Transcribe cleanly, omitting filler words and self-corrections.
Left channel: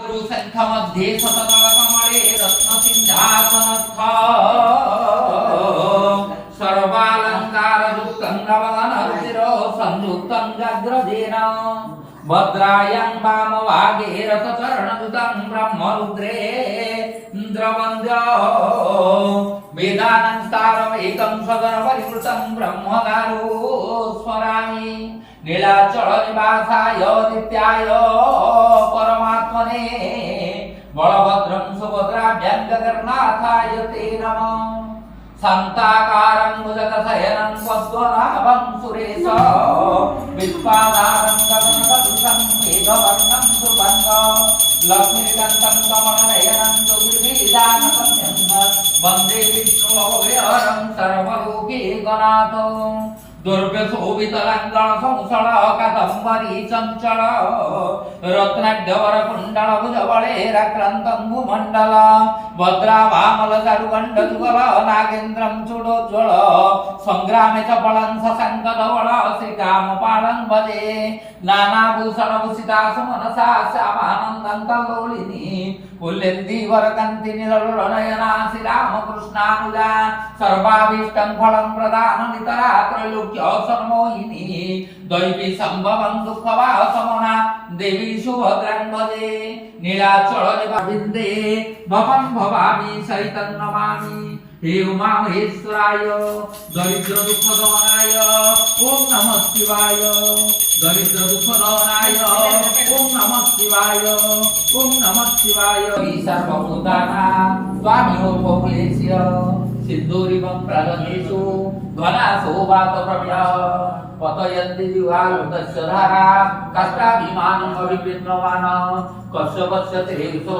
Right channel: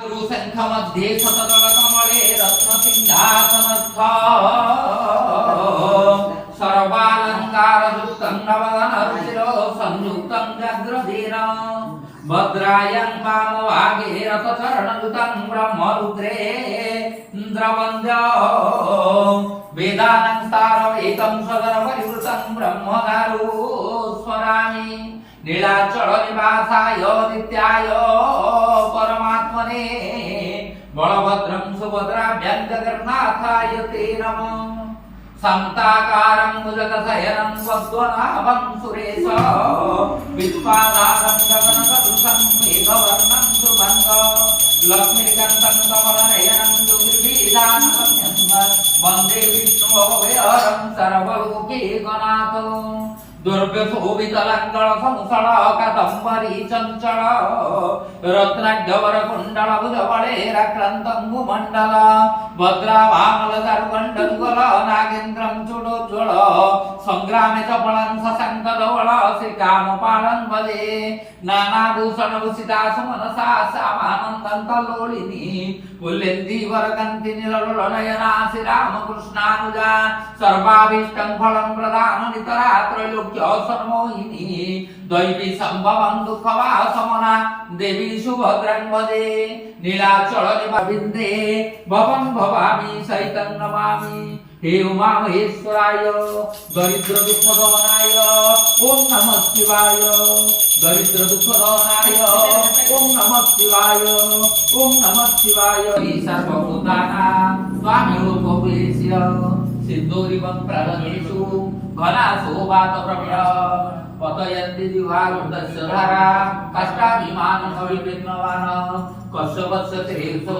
गुरुशङ्खमध्ये सततकमले रत्नसिंहासनस्थ सर्वालङ्कारयुक्तं नवदनरुचिरो संयुक्तं गद्रधीन भद्रायं वामभागे रथचरणयुतं ब्रह्मरुद्रे इन्द्रवन्द्यो वेदानं सारवेदं सदरपरिवृतं ब्रह्मगारो स्मरामि नीलाचल निवासाय नित्याय परमात्मने बलभद्रं सुभद्राभ्यां जगन्नाथाय ते नमः शान्ताकारं भुजगशयनं पद्मनाभं सुरेश विश्वाधारं गगनसदृशं मेघवर्णं सुगन्धं लक्ष्मीकान्तं कमलनयनं योगिभिदानतन्यं वन्दे विष्णुभवविहरं सर्वलोकैकनाथं दुर्व्यशोभितलङ्गण संसळ कादम्बरी चञ्चल रत्नाढ्यवर कुण्डल भुजबलेराक्रान्तं भूमण्डल भद्रावामल चारुगण्डयुगल नागेन्द्रं चूडोज्ज्वल सङ्ग्रामे च फलं शशङ्कधवल श्रीकामपालं भजे नानाभूषणभूषिता सुमनसा श्यामानन्दं कल्लोलिनी पुल्लेन्दीवरकन्तिनिललोलनयना श्रीरामकृष्णानुजा सर्वाभीष्टं फलं प्रदाननितरा त्रैलोक्यसन्मोहिनी दैवी सम्भवं दुःखवासमना देवी सुभद्रां भजे नीलाचल निवाबिन्दे भवं भवामि सहितं नमामि हे उमा महेश्वराय दरिद्र दुःख दमनाय ओम नमः शिवाय दरिद्र दुःख दमनाय ओम नमः शिवाय ओम नमः शिवाय सर्वभूतानां स्वामिनोपवेश्य सिद्धूरिवं प्रणतेषु घनाशोभातप्रविणः पतयन्ति दिवालुतस्य धारा कष्टाभिमानमभिप्रीत्नवान् कश्यपस्य तेजसो